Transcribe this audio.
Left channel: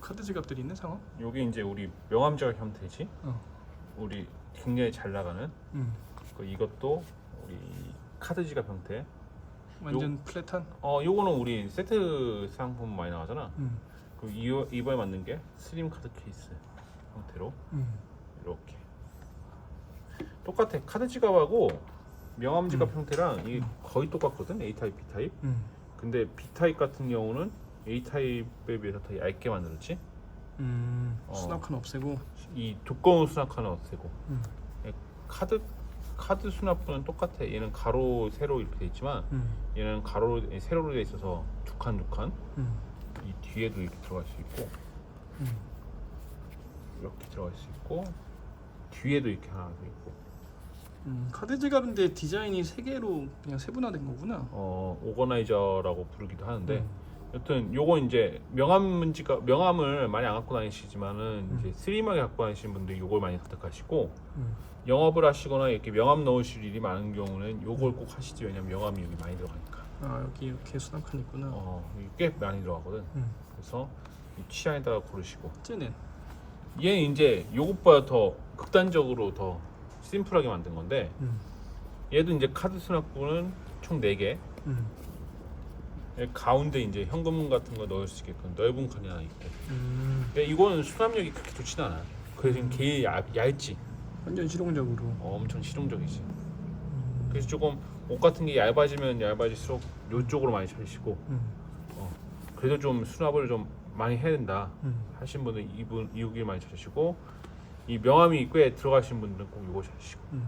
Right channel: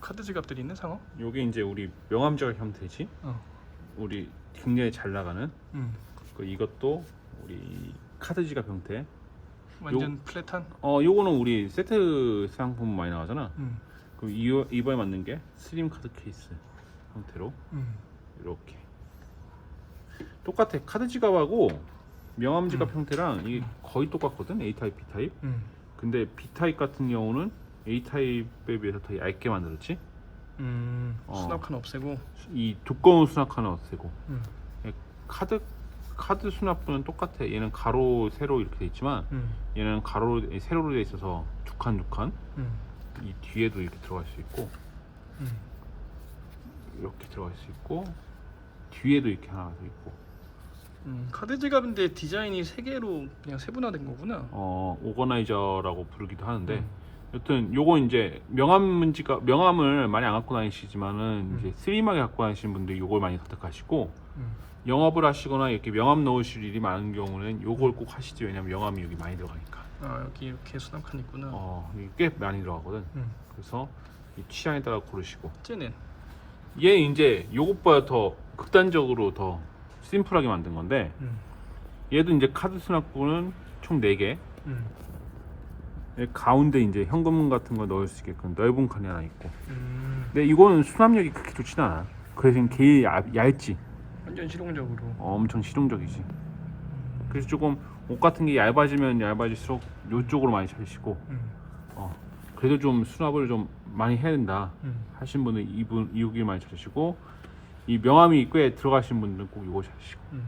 카드 지갑들이 있네 상어? 요게 이제 우리 명함지갑 형태지. 어. 우리 굉장히 잘 나가는 음. 그 이것도 우리 카드 지갑 형태. 완전 플랫한. 어 요거는 우리 세트 상품 많이 나가잖아. 음. 그 이- 이번에 맞는 게 슬림 카드 케이스 형태로 음. 이렇게 똑같아 카드 지갑하고 명함 지갑 음. 형태랑 이게 거의 똑같거든 A 타입, B 타입. 음. 근데 B 타입 같은 경우는 A 타입에 비해서 더 얇게 만들었지. 음. 어. 수납칸 없애고. 이 두꺼운 수납칸은 없애고 음. 카드 카드 수납부는 똑같아. 얘는 가로 세로 이렇게 돼 있지만 음. 얘는 가로 세로로 돼 있어서 두 칸 두 칸. 음. 이 뒤에도 이렇게 들어갈 수 있고 음. 이렇게 들어갈 수 있고 뒤에도 이렇게 하나 더 있고 음. 카드 지갑인데 디자인이 세 개로 그냥 세분화된 거구나. 어 오거나이저라고 부르기도 하는데 음. 여튼 요거 이제 명함 문지가 명함을 많이 안 갖고 다니시지만은 음. 이제 슬림하게 갖고 다니시는 분들 요걸 많이 선택하시고 음. 영업을 하시거나 이렇게 명함 넣으실 일이 많은 경우는 요걸 꼭 하시죠 왜냐면 명함이 여기 많이 들어가니까 아 여기 이렇게 수납칸 있구나. 어 이게 꽤 많이 들어가거든 음. 그래서 이 취향에 따라 고르시고 쟤는. 얘 이제 요것보다 더 극단적으로 더 심플하게 만든 건데 음. 얘도 이제 카드 수납부는 총 4개 음. 가운데 이제 현금 같은 거 넣을 수 있게끔 넓은 칸이 하나 있고 음. 근데 이건 수납력이 그렇게 좋진 않아 그래서 게 얇, 얇지 완전 실용적으로. 어, 엄청 실용적이지 그래서 조금 옷 같은 게 얇아지면 얇아질수록 이쪽으로 많이 찾으시고 음. 어, 그래도 좀 수납을 좀 많이 해야 된다 음. 하신 분은 이분 이쪽이 많이 찾으시고 이 명함이 꽤 들어가신 분들은 꼭 이거 찾으시고 음.